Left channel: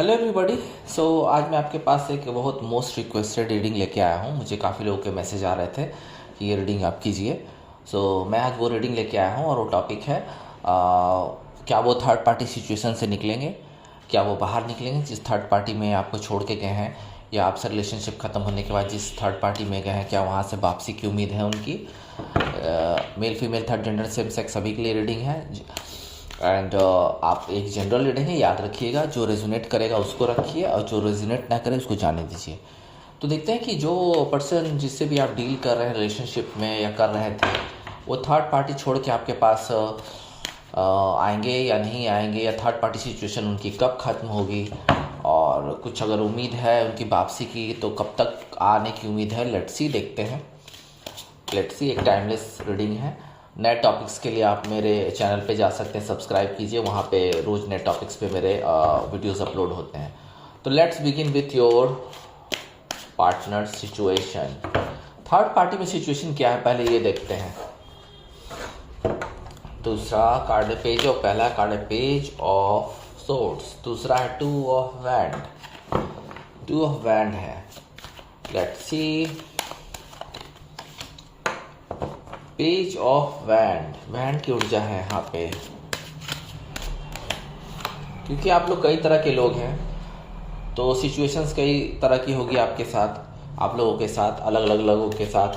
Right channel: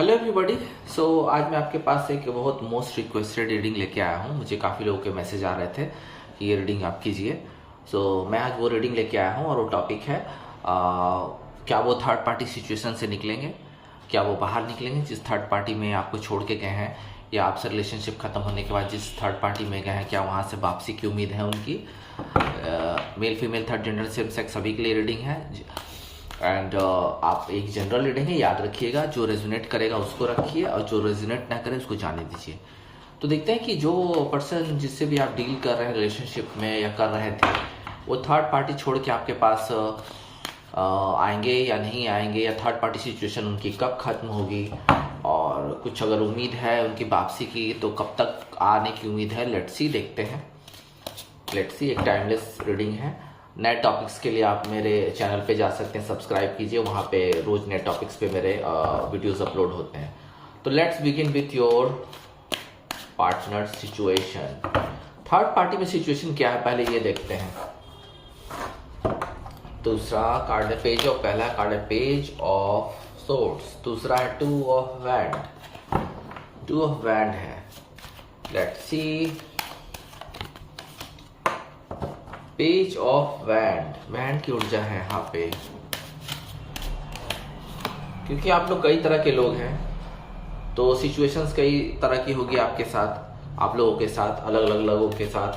Hello everybody. सो आज मैं आपके पास एक बहुत मोस्ट रिक्वेस्टेड रीडिंग लेके आया हूँ। मुझे काफ़ी लोगों के मैसेज आ रहे थे कि ये रीडिंग आप कीजिए। मैं आज वो रीडिंग लेके आया हूँ और वो टॉपिक है क्या वो थर्ड पार्टी सिचुएशन से निकलेंगे, क्या वो बाहर निकलेंगे जिस थर्ड पार्टी में आपको छोड़ के गए हैं, या आपसे रिलेशनशिप ख़त्म होने के बाद जिस थर्ड पार्टी में गए हैं क्या वहाँ से वापसी की उम्मीद है उनकी। Male female third gender same sex सभी के लिए रीडिंग है। एंड आप एक जनरल रीडिंग है, याद रखिएगा। जो रेजोनेट करेगा उसको रखिए और जो रेजोनेट ना करे उसको जाने दीजिए। तो देखते हैं कि जो पर्सन जिससे भी आप डील कर रहे हैं रिलेशनशिप में या कर रहे थे, वो थर्ड पार्टी छोड़ के आपके पास आएंगे या नहीं आएंगे, या थर्ड पार्टी सिचुएशन उनकी कब ख़त्म होगी, और कुछ अगर उम्मीद है उनकी वापसी की तो कब तक आने की उम्मीद है। लेट्स सी, देखते हैं। लेट्स सी, एक टाइमलेस रीडिंग है। नए टॉपिक्स के लिए आप मेरे चैनल पे जा सकते हैं, सब्सक्राइब कीजिए। वहाँ पे रोज़ नए टॉपिक्स पे मेरे वीडियोस अपलोड होते हैं। तो let's begin with your partner situation. Third party में सिचुएशन क्या है पहले ये देखते हैं। दूसरा कार्ड है पेज ऑफ, पहला कार्ड है पेज ऑफ सोर्ड्स, दूसरा है two of wand. Two of wand है। Let's see, page of wand. Wand की ऊर्जा है यहाँ पे, क्योंकि आप लोग कई तरह के लोग हैं तो सिचुएशंस कई तरह की होगी आपके साथ, आप लोगों के साथ, अलग अलग लोगों के साथ।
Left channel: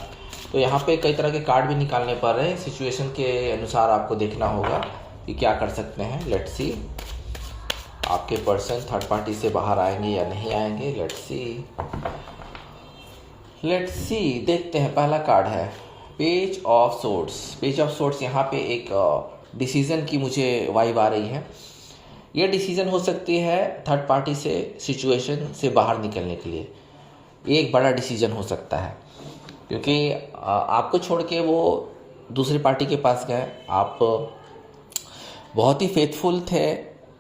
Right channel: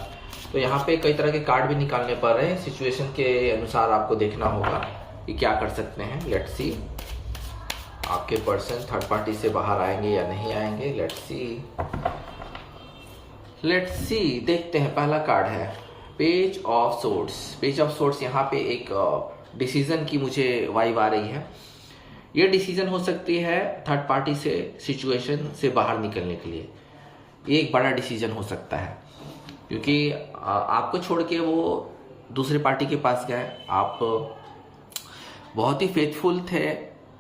तो यहाँ पे कई तरह के कार्ड भी निकालने पड़ रहे हैं। सिचुएशन के अनुसार आपको देखना होगा कि क्या कर सकते हैं। लेट्स सी, आपके पर्सन थर्ड पार्टी से बाहर आएंगे या नहीं आएंगे। लेट्स सी, देखते हैं। पहला कार्ड है page of swords. Page of swords यहाँ पे एक डिसीजन की मुझे वाइब आ रही है। ये डिसीजन हो सकती है थर्ड पार्टी से सिचुएशन से बाहर निकलने के लिए। ये एक बड़ा डिसीजन हो सकता है, क्योंकि आपको छोड़ के वो दूसरी पार्टी के पास गए। आप बहुत ही फेथफुल थे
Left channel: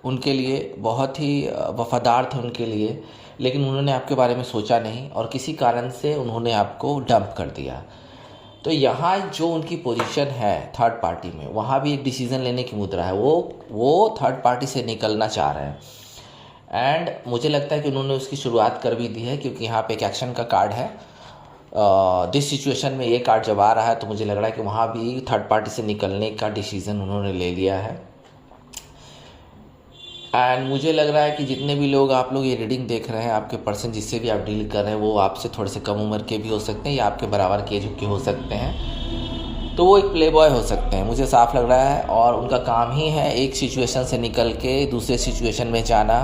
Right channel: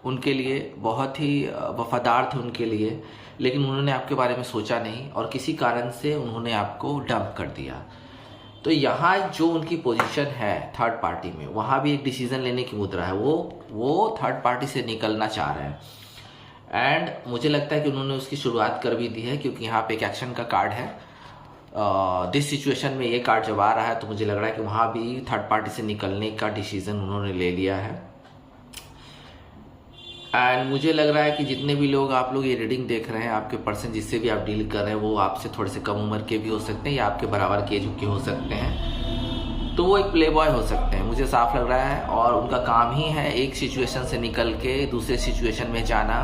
उनके लिए, बहुत ही वफादार थे उनके लिए, लेकिन उन्होंने आपके बारे में सोचा नहीं और किसी कारण से उन्होंने आपको डंप कर दिया। तो यहाँ जो उनकी पोजीशन है थर्ड पार्टी में, वहाँ भी एक डिसीज़न लेने की मुद्रा है। वो थर्ड पार्टी से निकलना चाह रहे हैं एंड मुझे लगता है कि उन्होंने उसकी शुरुआत कर भी दी है, क्योंकि यहाँ पे एक एक्शन का कार्ड है। दिस सिचुएशन में ये कार्ड जब आ रहा है तो मुझे लग रहा है कि वहाँ भी थर्ड पार्टी से निकलने का डिसीज़न उन्होंने ले लिया है। एंड मुझे लग रहा है कि जितने भी लोग आप लोग ये रीडिंग देख रहे हैं, आपके पर्सन जिससे भी आप डील कर रहे हैं, वो आपसे थोड़े से कम उम्र के भी हो सकते हैं या आपके बराबर के एज के हो सकते हैं। तो वो एक प्ले बॉय हो सकते हैं, मुझे साफ लग रहा है। और उनका काम ही है एक सिचुएशन से निकल के दूसरे सिचुएशन में जाना,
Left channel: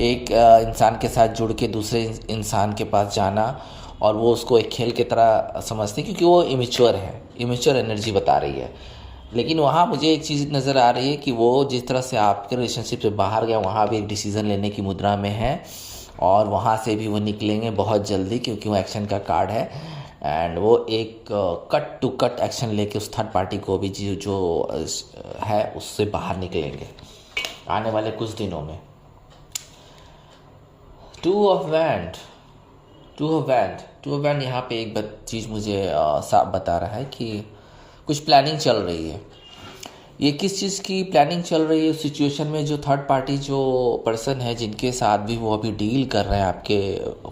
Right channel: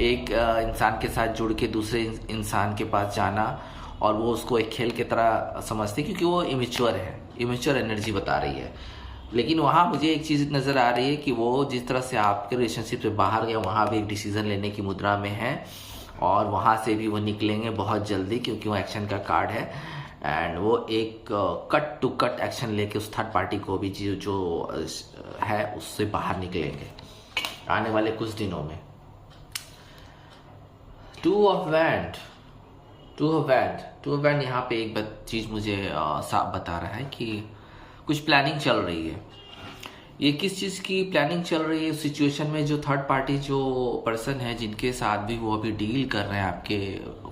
एक इंसान के साथ जुड़ के दूसरे इंसान के पास जाना, और वो उसको एक खेल की तरह समझते, क्योंकि वो इमेच्योर है, इमेच्योर एनर्जी बता रही है। लेकिन वहाँ मुझे एक चीज़ नज़र आ रही है कि वो जिस तरह से आपके रिलेशनशिप से बाहर गया, वहाँ भी एक डिसीज़न लेने की मुद्रा में है और वहाँ से भी वो निकलेंगे बहुत जल्दी, क्योंकि वो एक्शन का कार्ड है। एंड वो एक कट टू कट एक्शन लेके उस थर्ड पार्टी को भी जो है उससे बाहर निकलेंगे आने वाले कुछ दिनों में। To of wand. Two of wand यहाँ पे एक चीज़ मुझे साफ बता रहा है कि कुछ प्लानिंग चल रही है। ये किस चीज़ की प्लानिंग चल रही है सिचुएशन में? जो थर्ड पार्टी जो पर्सन है जिनके साथ भी वो अभी डील कर रहे हैं आपके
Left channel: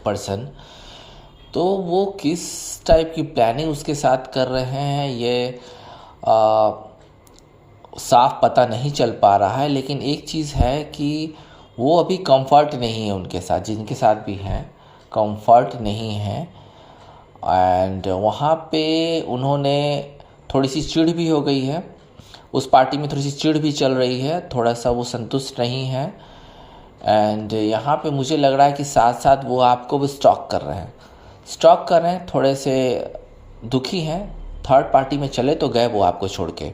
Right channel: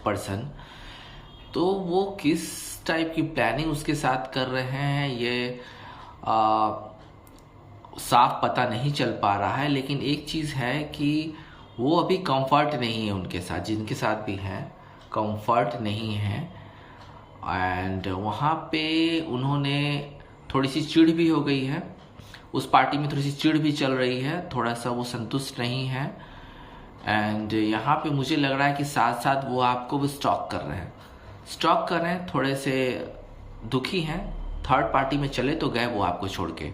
पर्सन, तो वो किस टाइप की प्लानिंग उसके साथ कर रहे हैं ये साफ पता नहीं चल पा रहा है। लेकिन एक चीज़ है कि वो अभी कंफर्ट नहीं है उनके साथ, जिनके साथ भी हैं कंफर्ट नहीं है। एंड वहाँ पे उन्होंने थोड़ी सी चिढ़ भी हो गई है, उस पार्टी में थोड़ी सी चिढ़ भी चल रही है, थोड़ा सा वो संतुष्ट नहीं है। एंड यहाँ पे मुझे लग रहा है कि साथ साथ वो आपको भी स्टॉक कर रहे हैं, थोड़े से दुखी हैं। थर्ड पार्टी में चले तो गए वो आपको छोड़ के।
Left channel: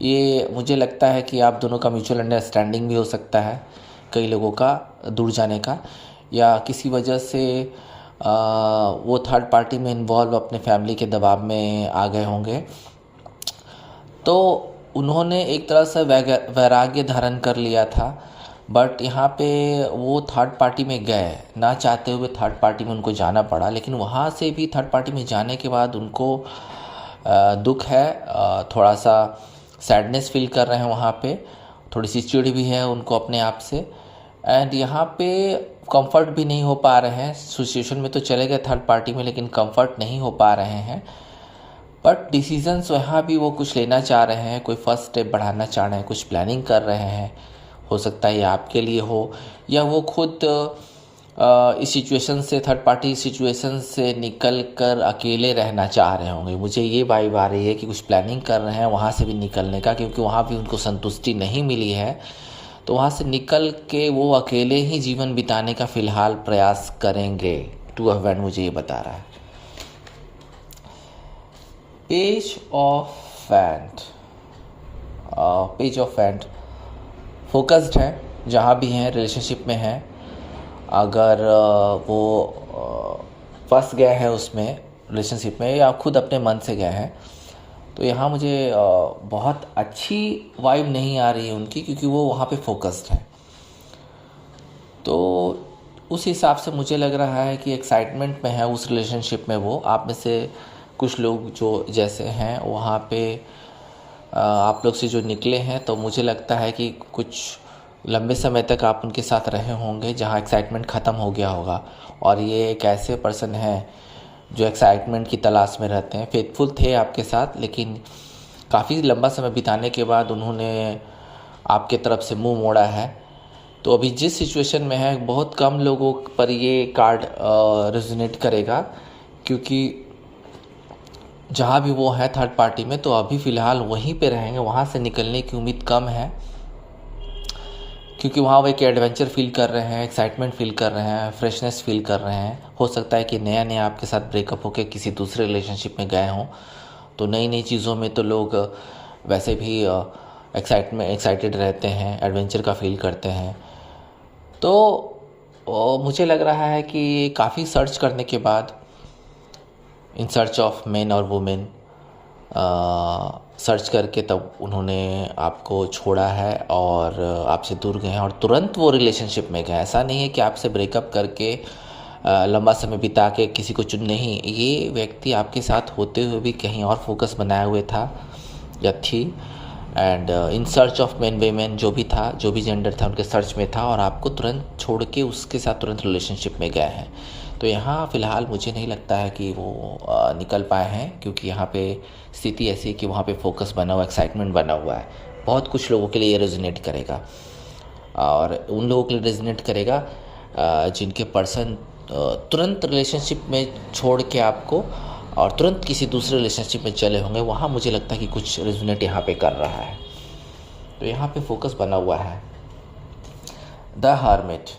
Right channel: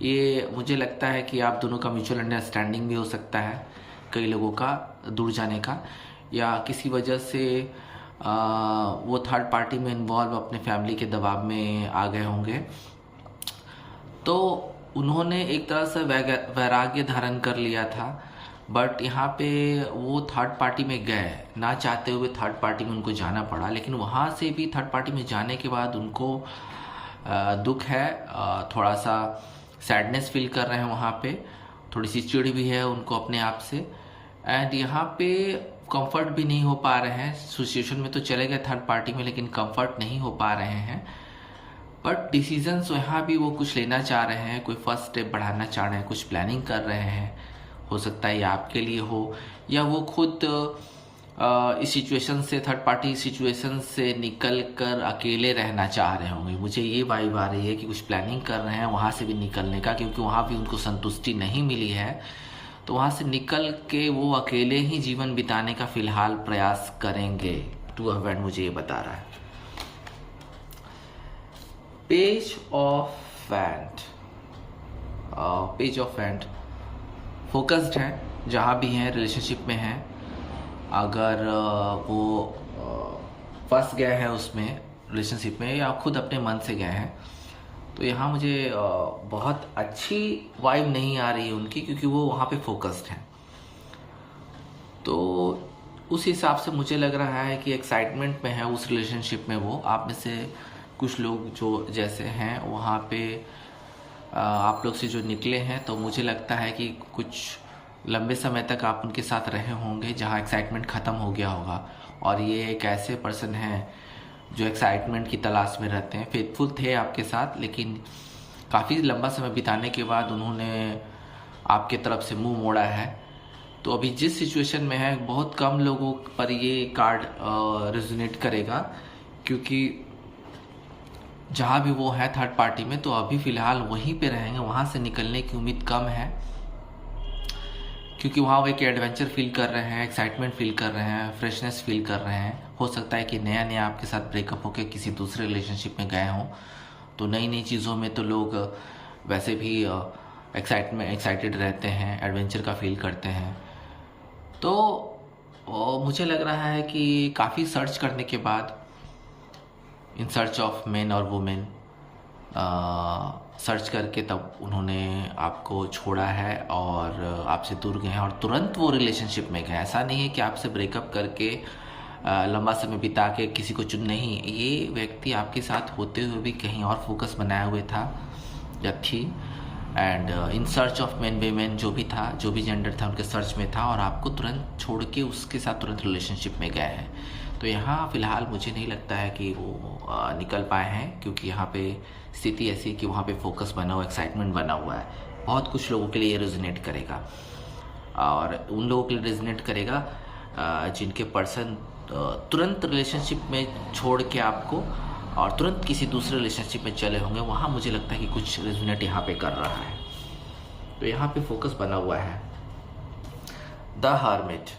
ये मुझे लगता है कि आप दोनों का म्यूचुअल अंडरस्टैंडिंग भी हो सकता है, कई लोगों का दूर जाने का, या किसी वजह से वो थर्ड पार्टी में इन्वॉल्व अपने फैमिली के दबाव में आ गए होंगे। तो उन्होंने एक तरह से वैराग्य धारण कर लिया था, बट यहाँ पे वो थर्ड पार्टी में गए, ना चाहते हुए थर्ड पार्टी में उनको जाना पड़ा। लेकिन वहाँ से भी थर्ड पार्टी में जाने के बाद उनको दुख है, थोड़ा सा सैडनेस फील कर रहे हैं वहाँ पे, थोड़ी सी चिढ़ भी है उनको अपने आप से। एंड यहाँ पे कंफर्ट भी नहीं हो पा रहे हैं। सिचुएशन में तो चले गए थर्ड पार्टी में, लेकिन कंफर्ट नहीं हो पा रहे हैं। बट डिसीजंस यहाँ भी वो कुछ लेना चाह रहे हैं, कोई फर्स्ट स्टेप बढ़ाना चाह रहे हैं, कुछ प्लानिंग कर रहे हैं। हो सकता है ये आपके लिए हो, या वो खुद इस सिचुएशन से, थर्ड पार्टी सिचुएशन से निकल कर अकेले रहना चाह रहे होंगे। मुझे ये वाइब आ रही है कि कुछ प्लानिंग कर रहे हैं वहाँ से भी निकलने का, क्योंकि वहाँ भी उनको संतुष्टि नहीं मिली है। तो वहाँ से निकल के वो अकेले ही जीवन बिताने का फ़िलहाल प्रयास करेंगे। टू ऑफ वैंड मुझे ये बता रहा है। Page of wand, page of wand focused है, जहाँ भी हैं रिलेशनशिप में हैं। अगर वो फंस गए हैं उसमें रिलेशनशिप में, या खुद अपने मन से गए हैं, तो यहाँ मुझे बहुत अच्छी वाइब नहीं आ रही है उनकी, क्योंकि वो वहाँ पे फोकस्ड हैं। तो उस हिसाब से मुझे लग रहा है कि एक्साइटमेंट में है उस रिलेशनशिप में वो। आप में से कुछ लोग जो जैसे हैं वहाँ पे आप लोग से जो निकले हैं, तो मुझे लगता है कि कुछ लंबे समय तक आप उनके साथ रहे होंगे जहाँ एक्साइटमेंट ख़त्म हो गया होगा। और ये एक ऐसे पर्सन हैं जो एक्साइटमेंट की तलाश में रहते हैं। फेथफुल थे आपके साथ, लेकिन काफ़ी लंबा समय बिताने के बाद उन्होंने आपके तरफ से मुंह मोड़ा है। तो अभी जिस सिचुएशन में है, बहुत कम लोगों पर ये कार्ड रेजोनेट करेगा, क्योंकि जहाँ भी वो है थर्ड पार्टी में, तो अभी फ़िलहाल वहीं पे रहेंगे। वहाँ से निकलने की उम्मीद कम है, क्योंकि वहाँ वो एक एडवेंचर फील कर रहे हैं, एक्साइटमेंट फील कर रहे हैं, फ्रेशनेस फील कर रहे हैं। हो सकता है कि नया नया आपके साथ ब्रेकअप होकर किसी दूसरे रिलेशनशिप में गए हों, तो नई नई चीज़ों में तो लोग वैसे भी एक्साइटेड रहते हैं, एडवेंचर का फील करते हैं। तो मुझे लग रहा है कि काफ़ी सर्च करने के बाद, इन सर्च ऑफ मैन और वुमेन, सर्च करके तब उन्होंने आपको छोड़ा है और आपसे दूर गए हैं, और तुरंत वो रिलेशनशिप में गए। ऐसा नहीं है कि आपसे ब्रेकअप करके लंबा समय बिता के किसी को चुन, नहीं, ये व्यक्ति आपके साथ होते हुए भी कहीं और फोकस बनाए हुए था या थी। And in search of man women, जो भी था, जो भी जेंडर था, उनके सर्च में था, और आपको तुरंत छोड़ के उसके साथ तुरंत रिलेशनशिप में गए हैं। तो यहाँ फ़िलहाल मुझे नहीं लगता है कि वो निकल पाए हैं, क्योंकि यहाँ पे स्थिति ऐसी है कि वहाँ पे फोकस बना हुआ, एक्साइटमेंट बना हुआ है। बहुत कुछ लोगों के लिए ये रेजोनेट करेगा, और उन लोगों के लिए रेजोनेट करेगा जिनके पर्सन तुरंत रिलेशनशिप में छोड़ के आपको और तुरंत किसी दूसरे रिलेशनशिप में चले होंगे। वहाँ मुझे लगता है कि कुछ रेजोनेट यहाँ पे कर रहा है। तो यहाँ पे फोकस बना हुआ है। द हर्मिट,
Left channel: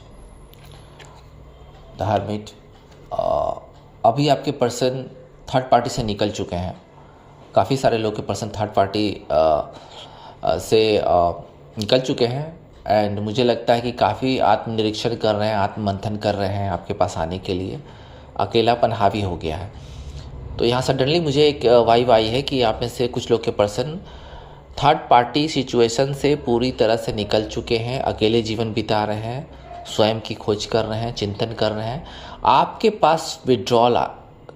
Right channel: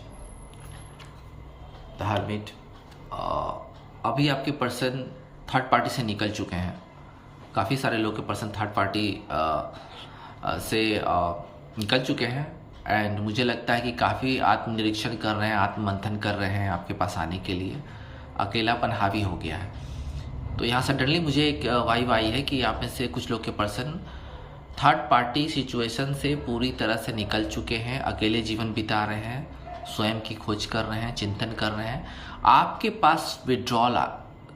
द हर्मिट, अभी आपके पर्सन थर्ड पार्टी से निकल चुके हैं। काफ़ी सारे लोग के पर्सन थर्ड पार्टी से निकल चुके हैं। एंड मुझे लगता है कि काफ़ी आत्मनिरीक्षण कर रहे हैं, आत्ममंथन कर रहे हैं आपके पास आने के लिए। अकेलापन हावी हो गया है। तो यहाँ सडनली मुझे एक वाइब आई है कि आप में से कुछ लोग के पर्सन थर्ड पार्टी सिचुएशन से पूरी तरह से निकल चुके हैं, अकेले जीवन बिता रहे हैं, स्वयं की खोज कर रहे हैं, चिंतन कर रहे हैं, आपके पास विड्रॉल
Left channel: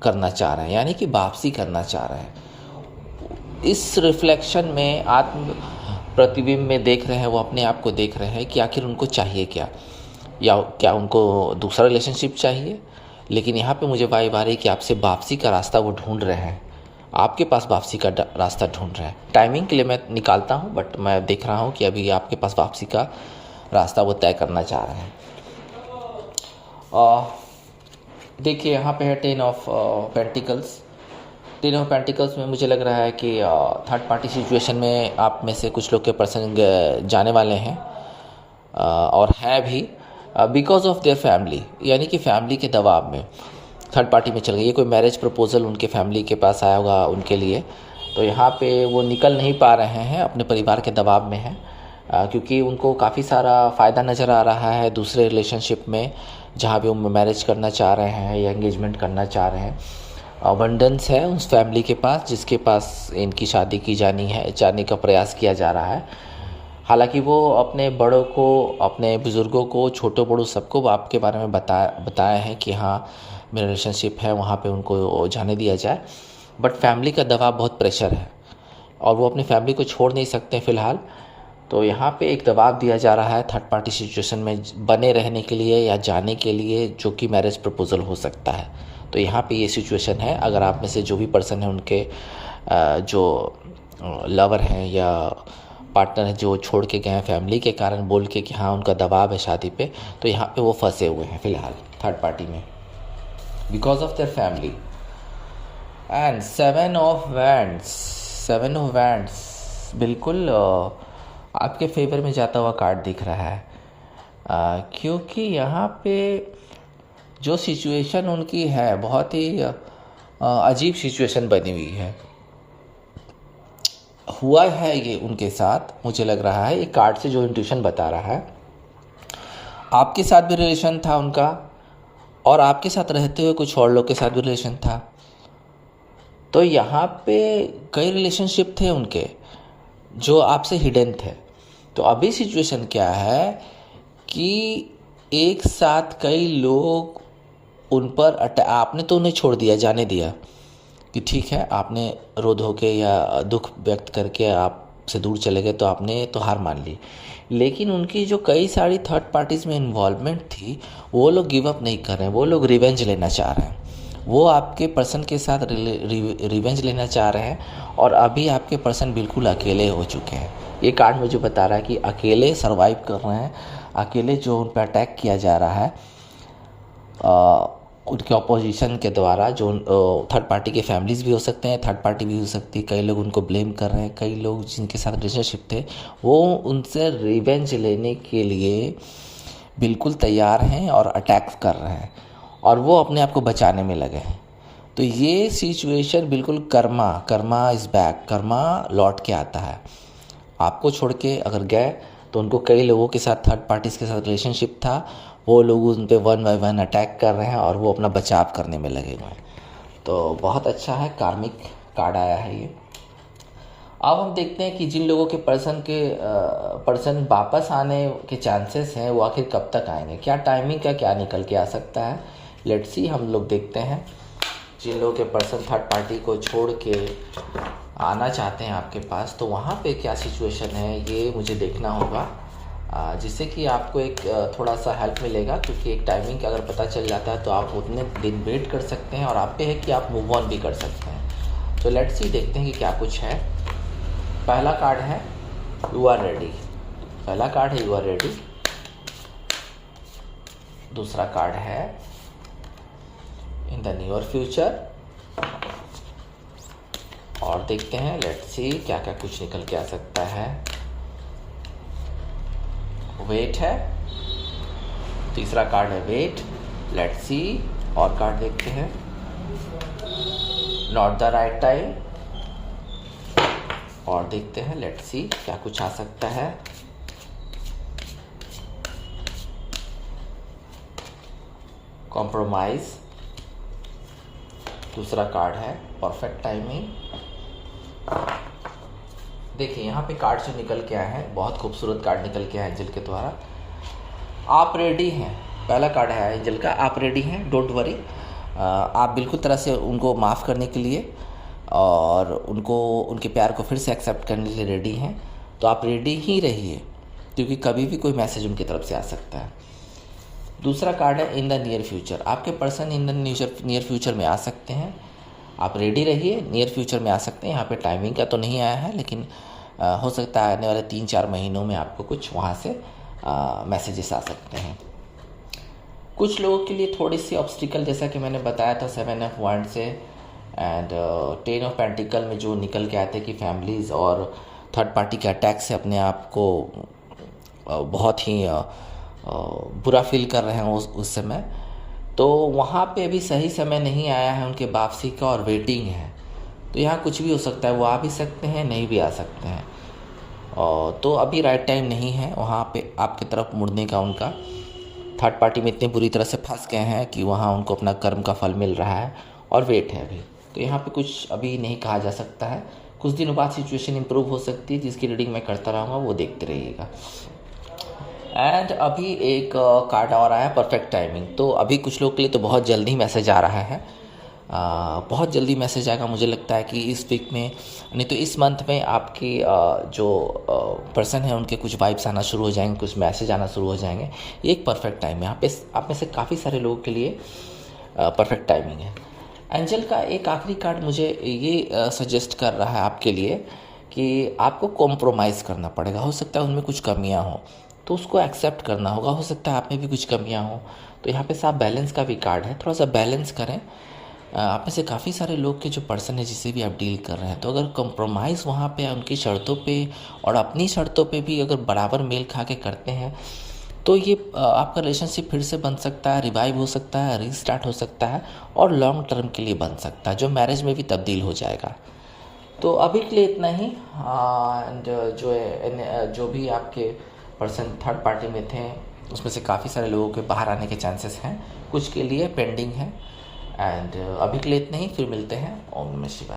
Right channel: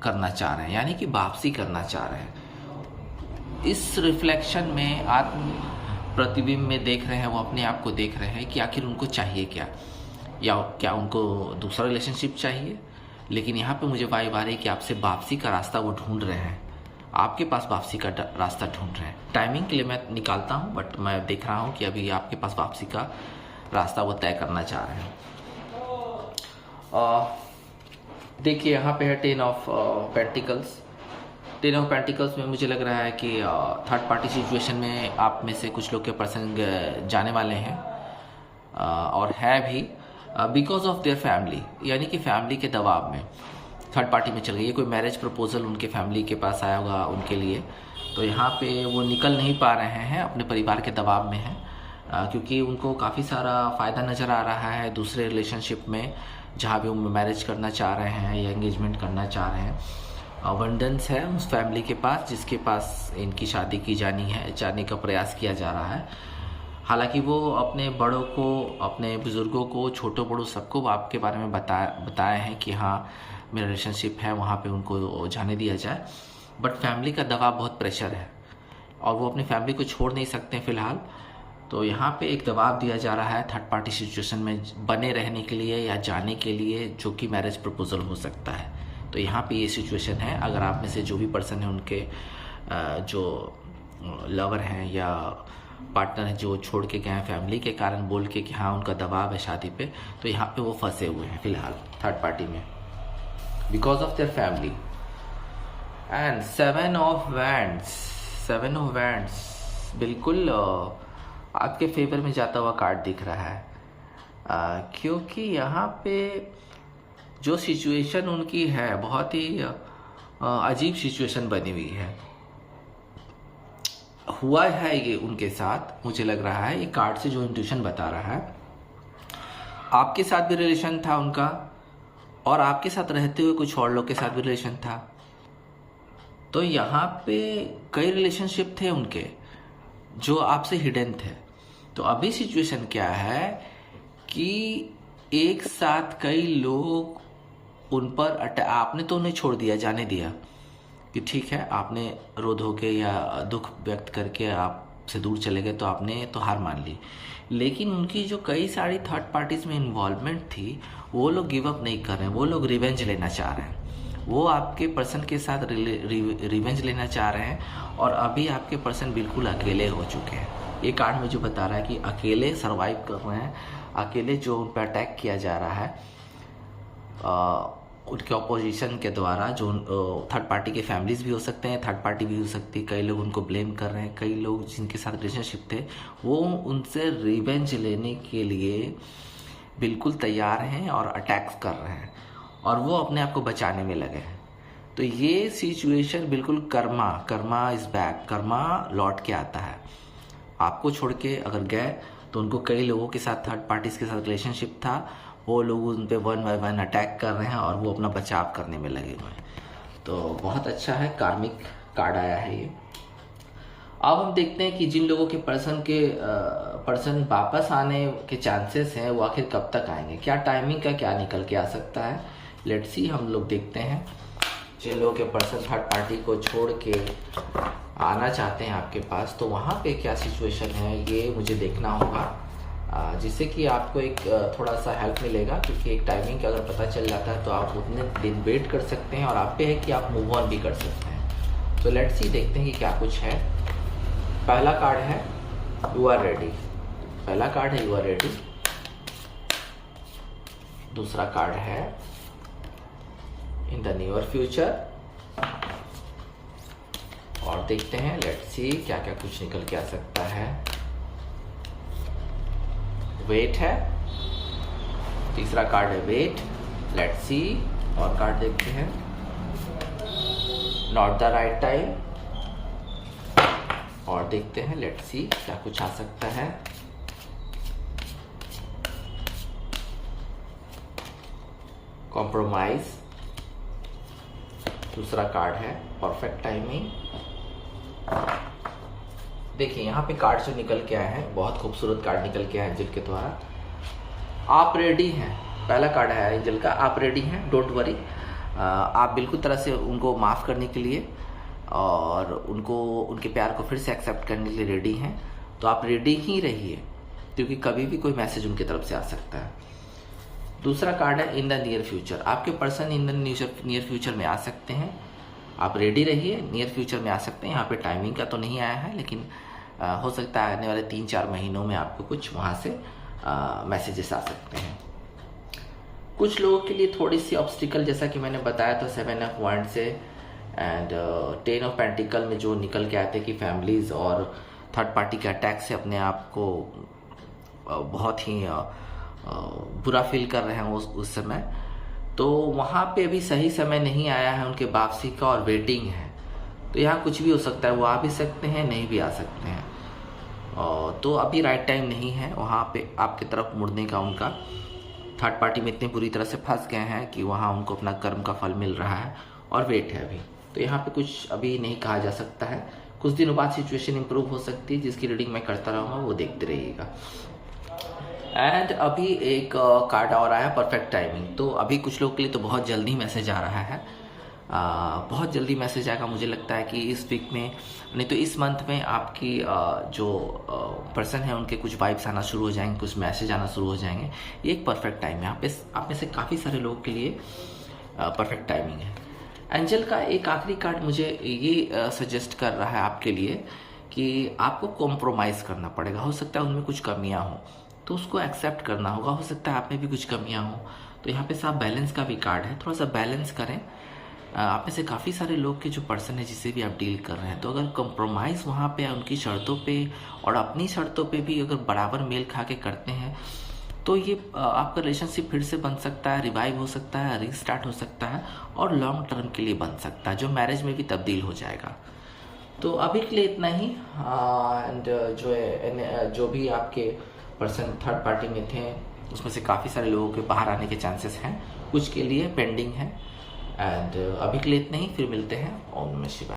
करना चाह रहे हैं, यानी कि वापसी करना चाह रहे हैं। इस रिफ्लेक्शन में, आत्म प्रतिबिंब में देख रहे हैं, वो अपने आप को देख रहे हैं कि आखिर उनको चाहिए क्या, या क्या उनको दूसरा रिलेशनशिप चाहिए। लेकिन यहाँ पे मुझे वाइब आ रही है कि आपसे वापसी का रास्ता वो ढूंढ रहे हैं, आपके पास वापसी का रास्ता ढूंढ रहे हैं। टाइमिंग के लिए मैं निकालता हूँ, बट मैं देख रहा हूँ कि अभी आपके पास वापसी का रास्ता वो तय करना चाह रहे हैं। देखिए यहाँ पे है ten of pentacles. Ten of pentacles में मुझे लग रहा है कि थर्ड पार्टी सिचुएशन में आप में से कुछ लोग के पर्सन जाने वाले हैं, और हैं भी बिकॉज ऑफ देयर फैमिली, यानी कि फैमिली के दबाव में थर्ड पार्टी में चल गई। ये कोई मैरिज प्रपोजल उनके फैमिली के पास आया होगा उनके लिए, तो यहाँ पे वो निकल नहीं पा रहे हैं, अपने परिवार के दबाव में हैं, क्योंकि उनको काफ़ी सारा फ़ायदा नज़र आ रहा है दूसरे रिलेशनशिप में, जहाँ भी वो मैरिज करना चाह रहे हैं या एंगेजमेंट करना चाह रहे हैं। अबंडेंस है उस फैमिली के पास जिसके पास इनकी शादी की जाने का प्रयास किया जा रहा है। हालांकि वो अपने बड़ों को, अपने बुज़ुर्गों को, छोटों बड़ों सबको आपके बारे में बताए हैं कि हाँ मेरा रिलेशनशिप है, वहाँ पे उनको जाने दिया जाए। बट फैमिली का दबाव, बहुत प्रेशर है, और वो अपनी फैमिली को छोड़ नहीं सकते फ़िलहाल। तो यहाँ पे एक दबाव दिया जा रहा है थर्ड पार्टी सिचुएशन में बने रहने के लिए या जाने के लिए, जो कि मैरिज प्रपोजल हो सकता है। तो यहाँ पे ये सिचुएशन है। अगर आप में से जो भी पर्सन है उनके जो लवर हैं या पार्टनर हैं जो छोड़ के गए हैं फैमिली के कारण बोल के कि हाँ उनका दबाव है शादी पे, तो यहाँ पे वो फंसे हुए हैं फ़िलहाल थर्ड पार्टी में because of their family. And seven of wands बिल्कुल आपके फेवर में जाता हुआ कार्ड दिख रहा है, क्योंकि यहाँ पे जो सिचुएशन उनकी है बहुत ही अजीब सिचुएशन बनी हुई है। हुआ है ये उनके साथ, मुझे लग रहा है ये कार्ड से जो इंट्यूशन बता रहा है, आपके साथ भी रिलेशन था उनका और आपके साथ रहते हुए कुछ और लोग के साथ भी रिलेशन था। तो यहाँ पे कई रिलेशनशिप थे उनके जो आपसे हिडन थे। तो अभी सिचुएशन क्या है कि एक साथ कई लोग उन पर आपने तो उन्हें छोड़ दिया, जाने दिया कि ठीक है, आपने रो धो के या दुख व्यक्त करके आपसे दूर चले गए, तो आपने तो हार मान ली। लेकिन उनकी जो कई सारी थर्ड पार्टीज़ में इन्वॉल्वमेंट थी, वो लोग गिव अप नहीं कर रहे हैं, वो लोग रिवेंज लेना चाह रहे हैं। वो आपके पर्सन के साथ रिवेंज लेना चाह रहे हैं और अभी आपके पर्सन बिल्कुल अकेले हो चुके हैं। ये कार्ड मुझे बता रहा है कि अकेले सर्वाइव कर रहे हैं, अकेले जो उन पर अटैक किया जा रहा है उनके ऑपोजिशन के द्वारा, जो थर्ड पार्टी के फैमिलीज़ भी हो सकते हैं, थर्ड पार्टी भी हो सकती है, कई लोग उनको ब्लेम कर रहे हैं, कई लोग जिनके साथ रिलेशनशिप थे वो उनसे रिवेंज लेने के लिए बिल्कुल तैयार हैं और अटैक कर रहे हैं और वो अपने आप को बचाने में लगे हैं। तो ये सिचुएशन बिल्कुल कर्मा इज़ बैक, कर्मा लौट के आता है। आपको छोड़ के अगर गए तो उनको कई लोगों के साथ थर्ड पार्टीज़ के साथ रिलेशनशिप था, वो लोग उन पे वन बाय वन अटैक कर रहे हैं और वो अपना बचाव करने में लगे हुए हैं। तो बहुत अच्छा है, कार्मिक कार्ड आया है ये। अब हम देखते हैं कि जिन लोगों के पर्सन वापस आने के चांसेस हैं वो आखिर कब तक आएंगे, क्या टाइमिंग का क्या निकल के आ सकता है। लेट्स सी, हम लोग देखते हैं। जिन लोगों के पर्सन थर्ड पार्टी को छोड़ के आना चाहते हैं आपके पास, तो वहाँ पे क्या सिचुएशन है ये मुझे देखना होगा, जिससे कि आपको एक थोड़ा सा हेल्प मिलेगा, क्योंकि एक टाइमिंग अगर पता चल जाता है तो आप उतने दिन वेट कर सकते हैं और आप पे है कि आप मूव ऑन भी कर सकते हैं। तो लेट्स सी, देखते हैं कि क्या कुछ है। पहला कार्ड है यू आर रेडी, पहला कार्ड है यू आर रेडी। दूसरा कार्ड है इन द नियर फ्यूचर। और देखते हैं, लेट्स सी क्या क्या कुछ निकल के आ सकता है। वेट है, तीसरा कार्ड है वेट। लेट्स सी और कार्ड देखते हैं। Not the right time. और देखते हैं, लेट्स सी क्या कुछ आ सकता है। कॉम्प्रोमाइज। दूसरा कार्ड है परफेक्ट टाइमिंग। देखिए यहाँ पे कार्ड जो निकल के आए हैं, बहुत खूबसूरत कार्ड निकल के आए एंजल के द्वारा। आप रेडी हैं, पहला कार्ड है एंजल का, आप रेडी हैं, डोंट वरी। आप बिल्कुल तरह से उनको माफ़ करने के लिए और उनको उनके प्यार को फिर से एक्सेप्ट करने के लिए रेडी हैं। तो आप रेडी ही रहिए, क्योंकि कभी भी कोई मैसेज उनकी तरफ से आ सकता है। दूसरा कार्ड है इन द नियर फ्यूचर। आपके person in the near future में आ सकते हैं, आप रेडी रहिए, नियर फ्यूचर में आ सकते हैं। यहाँ पे टाइमिंग का तो नहीं आया है, लेकिन हो सकता है आने वाले 3-4 महीनों में आपको कुछ वहाँ से मैसेजेस आ सकते हैं। कुछ लोगों के लिए थोड़ी सी ऑब्स्टिकल, जैसा कि मैंने बताया था 7 ऑफ वांड से एंड 10 ऑफ पेंटिकल में जो निकल के आते हैं कि फैमिलीज़ और थर्ड पार्टी के अटैक से अपने आप को बहुत ही बुरा फील कर रहे हैं उस समय। तो वहाँ पे अभी सही समय नहीं आया है उनके वापसी का और वेटिंग है। तो यहाँ कुछ भी हो सकता है, वो आ भी सकते हैं, नहीं भी आ सकते हैं। तो अभी राइट टाइम नहीं है वहाँ पे आपकी तरफ मुड़ने का। उनका थर्ड पार्टी में इतनी बुरी तरह से फंस गए हैं कि वहाँ उनको अपना कर्म का फल मिल रहा है और वेट है अभी। तो यहाँ पे कुछ अभी नहीं कहा जा सकता है। कुछ दिनों बाद सिचुएशन इंप्रूव हो सकती है, जिसकी रीडिंग मैं करता रहूँगा, वो देखते रहिएगा। एंड अभी एक कार्ड और आया परफेक्ट टाइमिंग। तो अभी कुछ लोग के लिए तो बहुत जल्दी मैसेज आ रहा है, बहुत जल्दी मैसेज आएगा। मुझे लगता है कि इस वीक में, नहीं तो इस मंथ में आपकी जो पर्सन है उनके कुछ वाइब्स आना शुरू हो जाएंगे, कुछ मैसेज आना शुरू हो जाएंगे। ये एक परफेक्ट टाइम है। यहाँ पे आप में से काफ़ी सारे लोगों के लिए परफेक्ट टाइमिंग है। एंजल का एक आखिरी कार्ड मुझे ये सजेस्ट कर रहा है आपके लिए कि आपको कॉम्प्रोमाइज़ करना पड़ेगा। हो सकता है उनमें कुछ कमियां हो, तो उसको एक्सेप्ट करना होगा। हो सकता है आप में भी कुछ कमियां हो, तो यहाँ पे साफ बैलेंस का भी कार्ड है। थोड़ा सा बैलेंस करें। आप में से काफ़ी सारे लोग के जो पर्सन है जिससे भी आप डील कर रहे हैं, तो अगर कंप्रोमाइज़ वहाँ पे उनकी शर्तों पे और अपनी शर्तों पे भी अगर बराबर मेल खा के करते हैं, तो ये आपका रिलेशनशिप फिर से बन सकता है, रिवाइव हो सकता है, रीस्टार्ट हो सकता है और लॉन्ग टर्म के लिए बन सकता है, जो मैरिज में भी तब्दील हो जाएगा। तो अभी के लिए इतना ही। एंड जो है जो भी आपके पर्सन थर्ड पार्टी में थे, उसमें से काफ़ी सारे लोगों के बाहर आने के चांसेस हैं, कुछ के लिए पेंडिंग है। एंड अभी के लिए इतना ही, फिर मिलते हैं। ओम नमः शिवाय।